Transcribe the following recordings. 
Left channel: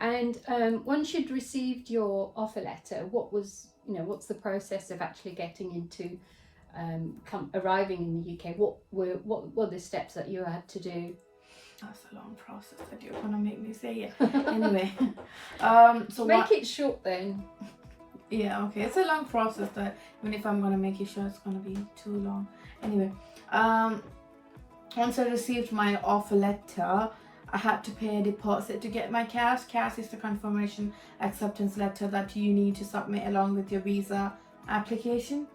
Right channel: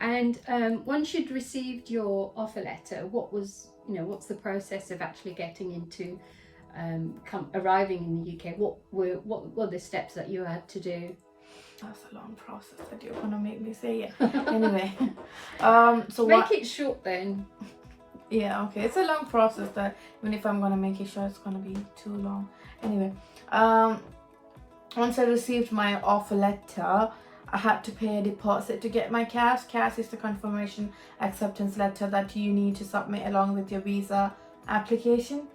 And once you'd received your offer letter, what's the process of actually getting into arriving in the UK? What were the steps that you had to do? That's a long process that you're gonna make me say it. Anyway, so Make it short then. Yeah, okay. It's a long process that even if I'm gonna make it short, it's gonna be too long. Anyway, once I received my offer letter, I had to pay a deposit to get my CAS. CAS is the confirmation acceptance letter that you need to submit along with your visa application.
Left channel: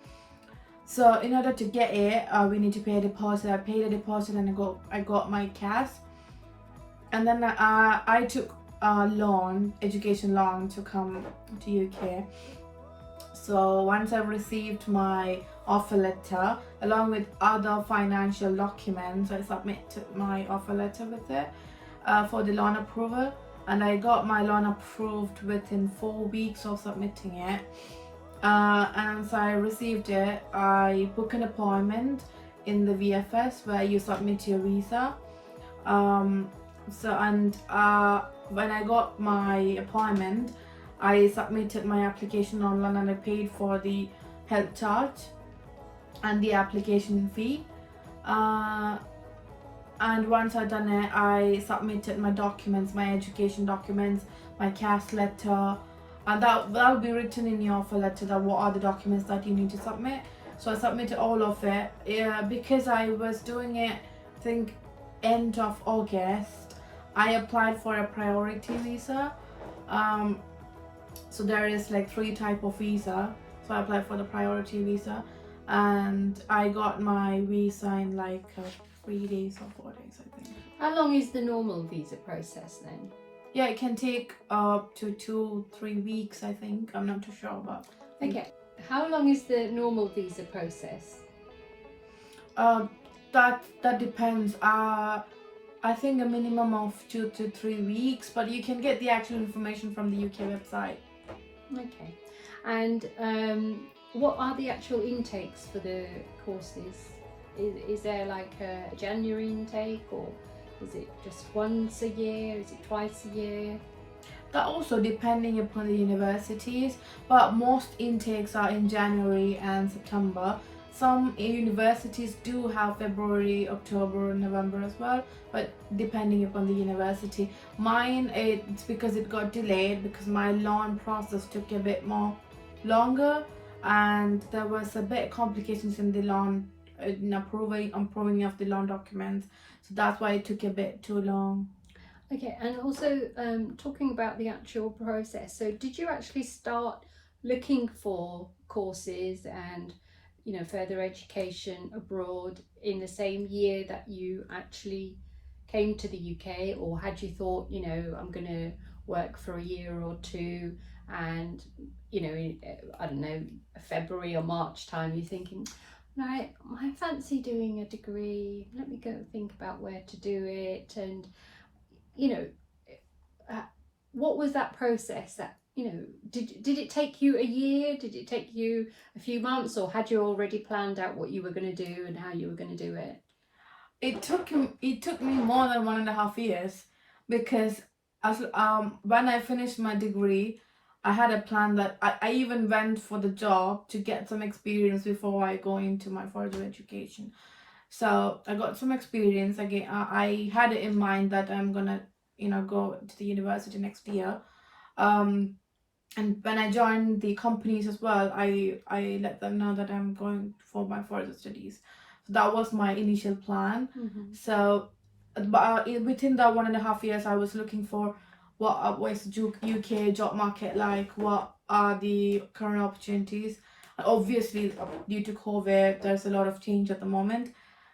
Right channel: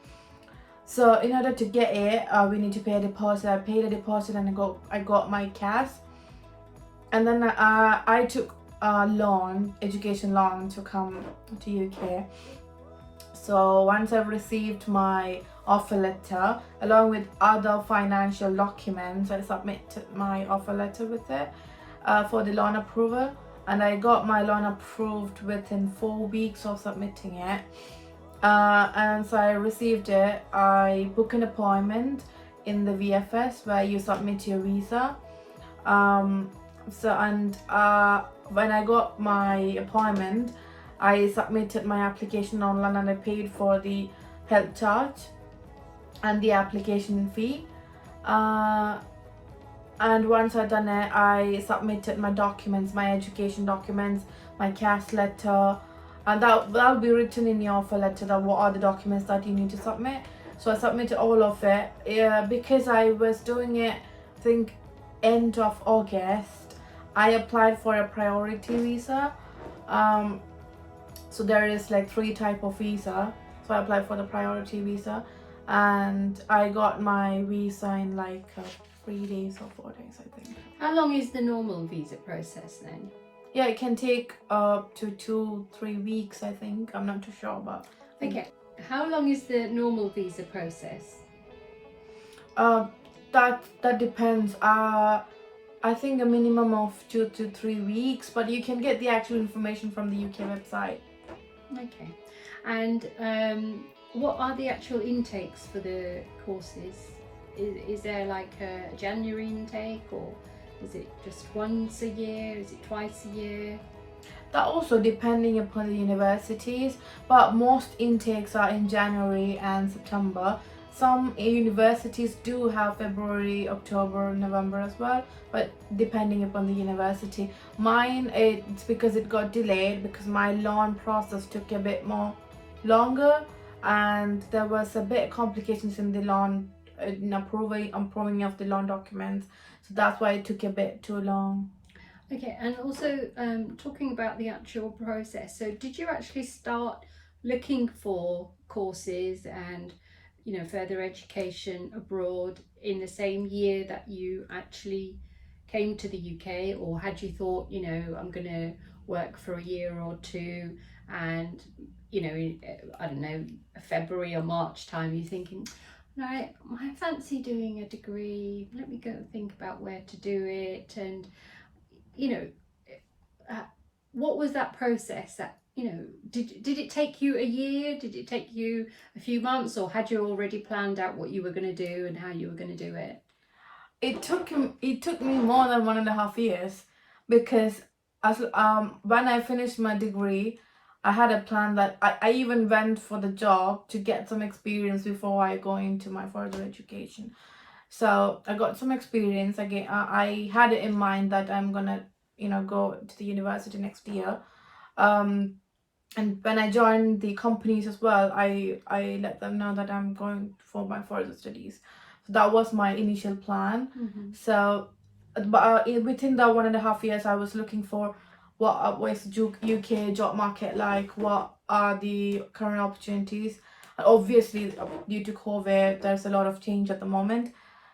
So in order to get it, we need to pay a deposit. I paid a deposit and I got my CAS. And then I took a loan, education loan, to come to UK. So once I received my offer letter along with other financial documents, I submitted my offer letter with it for the loan approval, and I got my loan approved within 4 weeks of submitting it. And so I received it. I booked an appointment in the VFS where you submit your visa. When I got my appointment, I submitted my application online and I paid for the health charge and the application fee. And once I done it, I submitted my documents, my education documents, my CAS letter, and that'll be written in your offer letter that what are the documents that you need to submit. So I submitted all of it. Because I was doing it, I think end of August, I applied for a priority visa. So there is like 3 type of visa. So I applied for the priority visa, and I got my visa in like 3 days or 4 days, I think. How long is the normal visa process then? Yeah, it can take up to 2-3 weeks, I think. I'm not too sure, but Okay. How long is the normal visa process? That depends. I think a minimum of 2 to 3 weeks, but you can get the actual information from the UK website. Okay. And what are the actual intakes for the courses? Is there like a January intake, or is it just once a year? Is it twice a year? That also depending upon the universities, but most intakes are in January and September. Some universities do have February, October, November as well, but depending upon the university. Mine, it's because it got delayed because my loan process took a bit more longer, and there was a bit complications in the loan, in approving of the loan documents. So that's why it took a bit too long. Okay, and also talking about the actual process. So did you actually start looking for courses and further education abroad in the same year that you actually came to the UK, or had you thought, I'm going to work for a year or two, and I don't know, February or March time you're thinking, right, I fancy doing a degree, let me go think about where to do it, and what was that process? That did it take you a year? Did it take you a few months, or had you already planned out what you were going to do and how you were going to do it? It took me more than 1.5 years, because when I finished my degree, I had a plan that I even went for the job to get some experience before I go into my further education. So I got some experience again. I had it in mind that I'm gonna go to the university next year. And when I joined the companies as well, I let them know that I'm going for my further studies. So that was my initial plan. Mm-hmm. So, but within that 1.5 years, I was looking for what was UK job market like, what are the current opportunities. Obviously, due to COVID, there's a lot of change at the moment.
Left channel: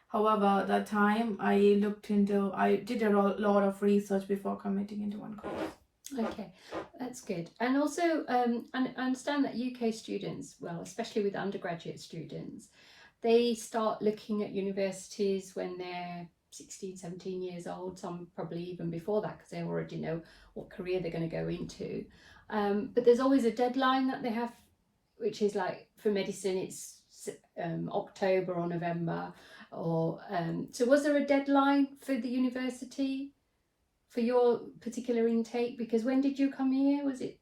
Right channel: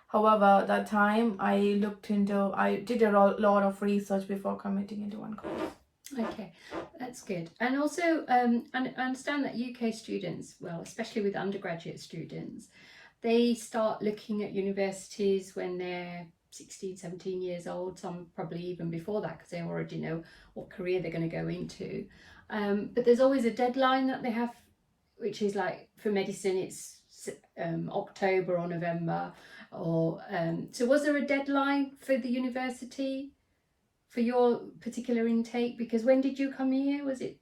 However, that time I did a lot of research before committing into one course. Okay, that's good. And also, and I understand that UK students, well, especially with undergraduate students, they start looking at universities when they're 16, 17 years old, some probably even before that, because they already know what career they're going to go into. But there's always a deadline that they have, which is like for medicine, it's October or November. Or so was there a deadline for the university? for your particular intake? Because when did you come here? Was it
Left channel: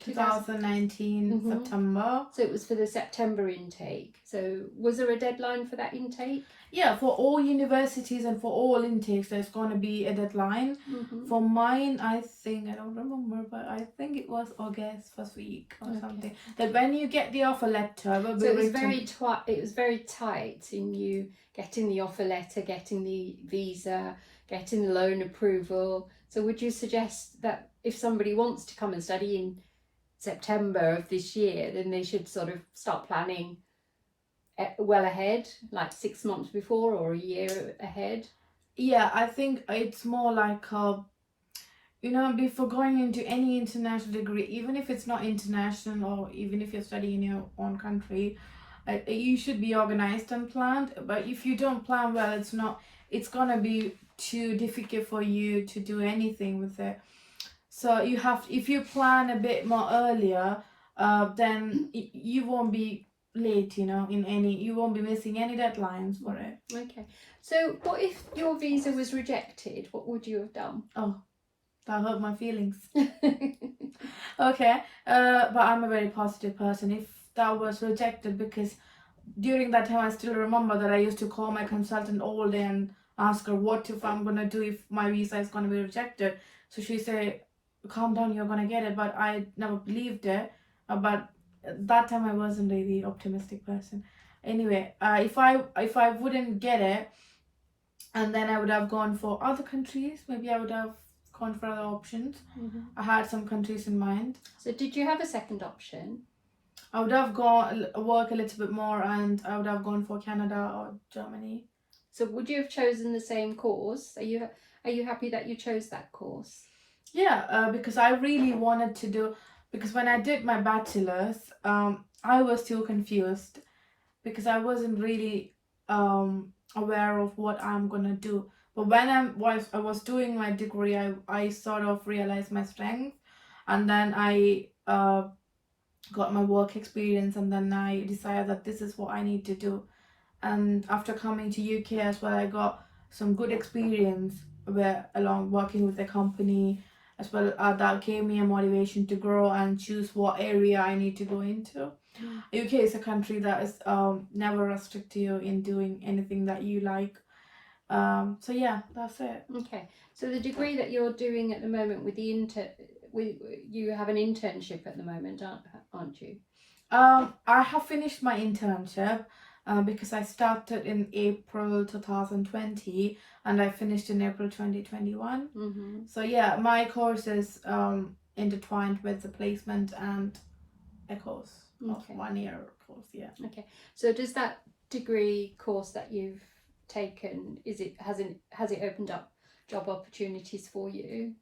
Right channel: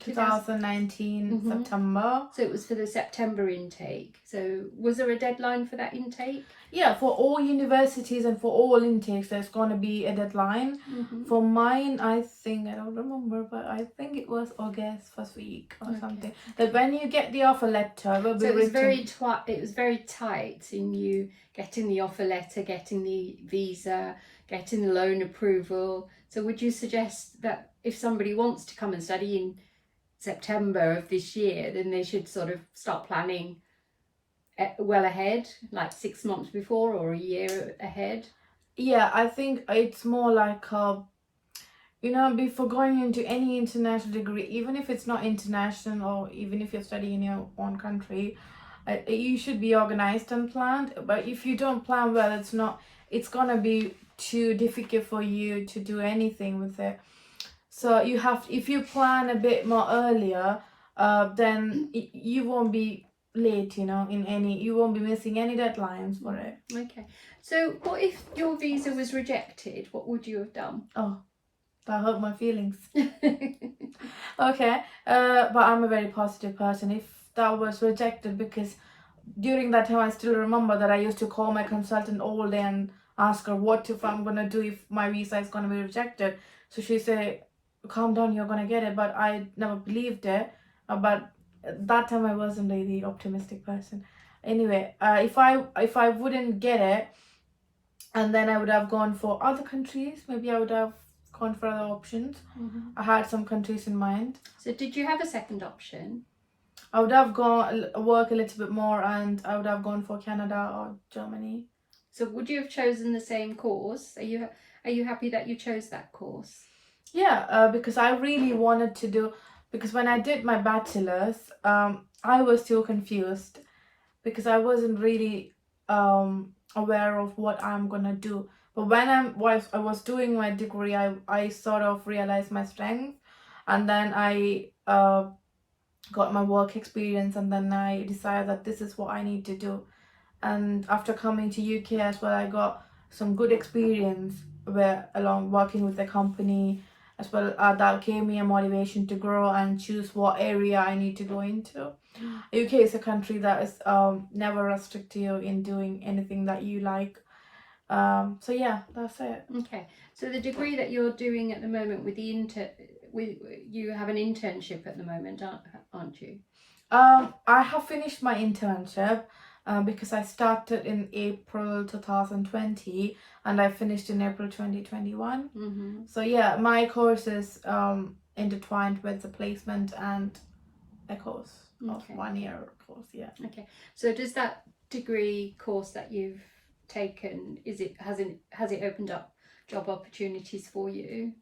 2019 Mhm. September. So it was for the September intake. So was there a deadline for that intake? Yeah, for all universities and for all intakes, there's going to be a deadline. Mm-hmm. For mine, I think, I don't remember, but I think it was August first week or Okay. something. That when you get the offer letter, will be So it was written. it was very tight in you getting the offer letter, getting the visa, getting the loan approval. So would you suggest that if somebody wants to come and study in September of this year, then they should sort of start planning well ahead, like 6 months before or a year ahead? Yeah, I think it's more like before going into any international degree, even if it's not international or even if you're studying in your own country, you should be organized and planned. But if you don't plan well, it's gonna be too difficult for you to do anything with it. So if you plan a bit more earlier, then you won't be late, you won't be missing any deadlines for it. Okay. So what if your visa was rejected? What would you have done? Oh, that hurt my feelings. Okay, but I'm a very positive person. If that was rejected, because during that time I still remember that I used to call my consultant all day and ask her what if I'm gonna do if my visa is gonna be rejected. So she said, calm down, you're gonna get it. But I never believed it. But that time I wasn't really optimistic person. Anyway, if I wouldn't get it, and then I would have gone for other countries, maybe I would have gone for other options. Mhm. I had some countries in mind. So did you have a second option? I would have gone work a little bit more, and I would have gone for Canada or Germany. So would you have chosen the same course? Are you happy that you chose that course? Yeah, because I really wanted to do. Because when I did my bachelor's, I was still confused because I wasn't really aware of what I'm gonna do. But when I was doing my degree, I sort of realized my strength, and then I got my work experience, and then I decided that this is what I need to do. And after coming to UK as well, I got some good experience where along working with the company as well. That gave me a motivation to grow and choose what area I need to go into. UK is a country that is never restrict you in doing anything that you like. So yeah, that's it. Okay. So the degree that you're doing at the moment with you have an internship at the moment, aren't you? I have finished my internship because I started in April 2020 and I finished in April 2021. Mm-hmm. So yeah, my course is intertwined with the placement and a course of Okay. 1 year course. Yeah. Okay. So does that degree course that you've taken, has it opened up job opportunities for you?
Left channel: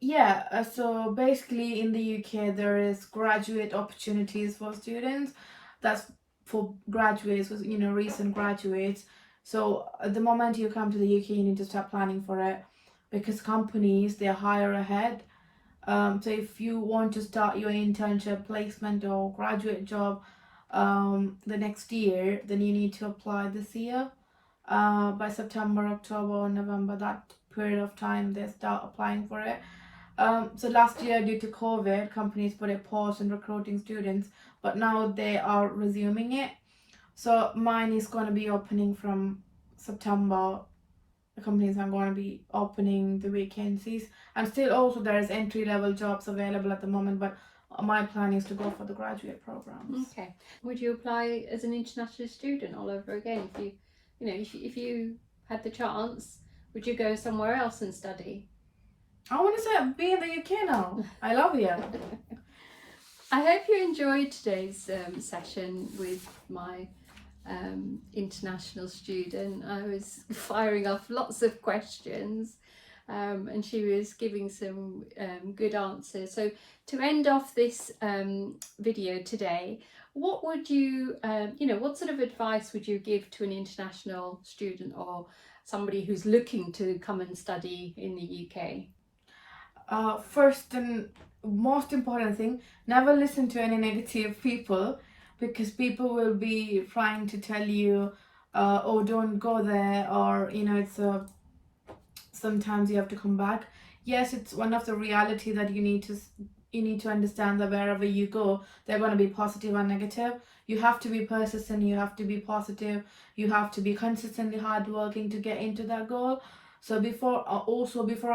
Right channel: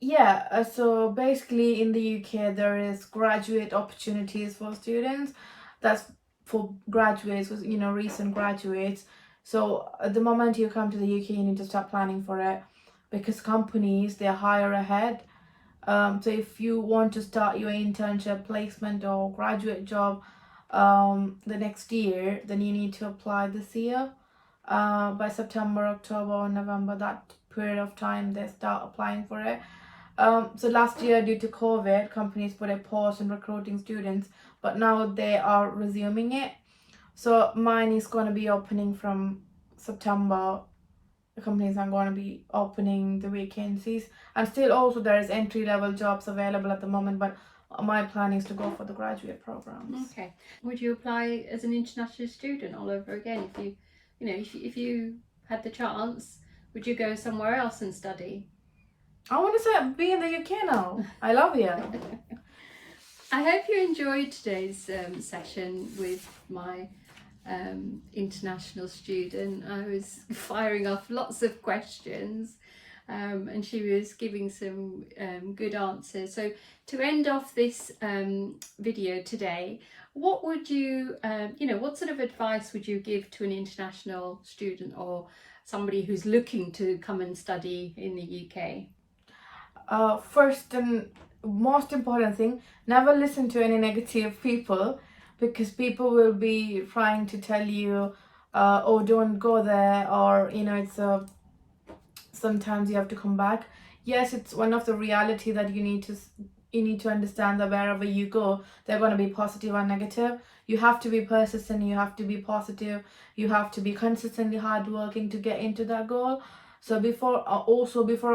Yeah, so basically in the UK there is graduate opportunities for students. That's for graduates, recent graduates. So at the moment you come to the UK, you need to start planning for it because companies, they hire ahead. So if you want to start your internship, placement or graduate job the next year, then you need to apply this year. By September, October, or November, that period of time, they start applying for it. So last year, due to COVID, companies put a pause on recruiting students, but now they are resuming it. So mine is going to be opening from September. The companies are going to be opening the vacancies, and still also there is entry level jobs available at the moment, but my plan is to go for the graduate programs. Okay. Would you apply as an international student all over again if you had the chance? Would you go somewhere else and study? I want to be in the UK now. I love you. I hope you enjoyed today's session with my international student. I was firing off lots of questions and she was giving some good answers. So to end off this video today, what would you, what sort of advice would you give to an international student or somebody who's looking to come and study in the UK? First and most important thing, never listen to any negative people, because people will be trying to tell you, oh, don't go there, or it's a sometimes you have to come back. Yes, it's one of the reality that you need to understand that wherever you go, they're going to be positive or negative. You have to be persistent, you have to be positive, you have to be consistently hardworking to get into that goal. So before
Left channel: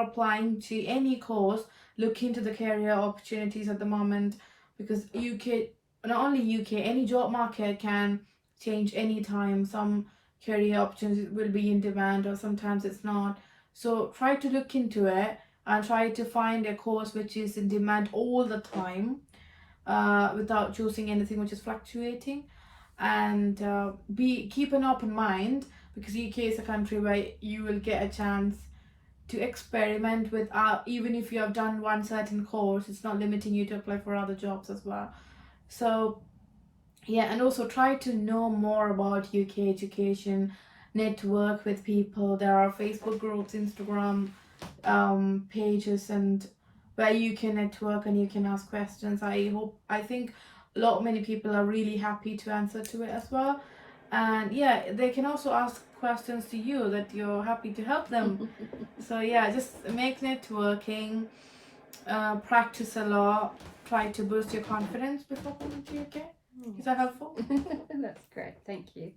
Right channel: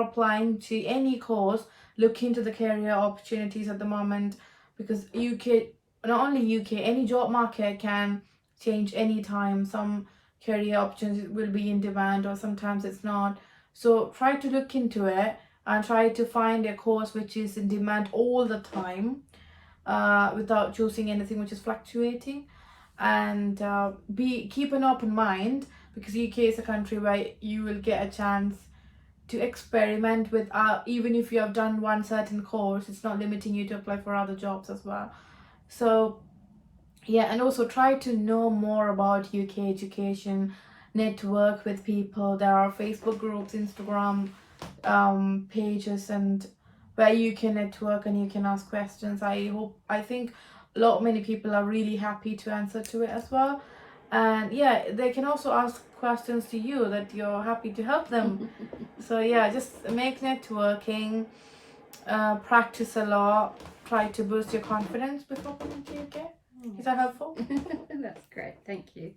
applying to any course, look into the career opportunities at the moment, because UK, not only UK, any job market can change anytime. Some career opportunities will be in demand or sometimes it's not. So try to look into it and try to find a course which is in demand all the time, without choosing anything which is fluctuating. And keep an open mind, because UK is a country where you will get a chance to experiment with, even if you have done one certain course, it's not limiting you to apply for other jobs as well. So yeah, and also try to know more about UK education, network with people. There are Facebook groups, Instagram pages, and where you can network and you can ask questions. I think many people are really happy to answer to it as well. And yeah, they can also ask questions to you that you're happy to help them. So yeah, just make networking, practice a lot, try to boost your confidence before coming to UK. Is that helpful? That's great, thank you.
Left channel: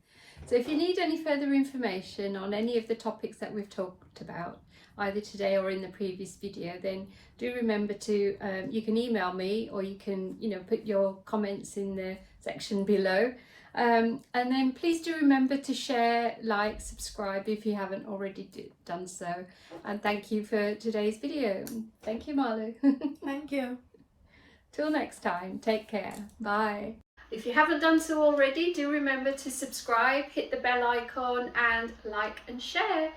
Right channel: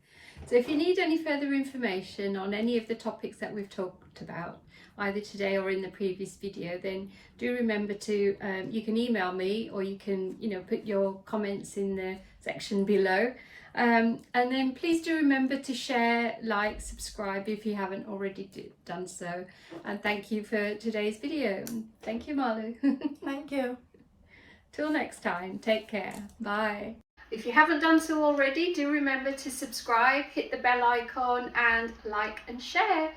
So if you need any further information on any of the topics that we've talked about, either today or in the previous video, then do remember to, you can email me, or you can, put your comments in the section below. And then please do remember to share, like, subscribe if you haven't already done so. And thank you for today's video. Thank you, Malu. Thank you. Till next time, take care. Bye. If you haven't done so already, do remember to subscribe, hit the bell icon, and like and share.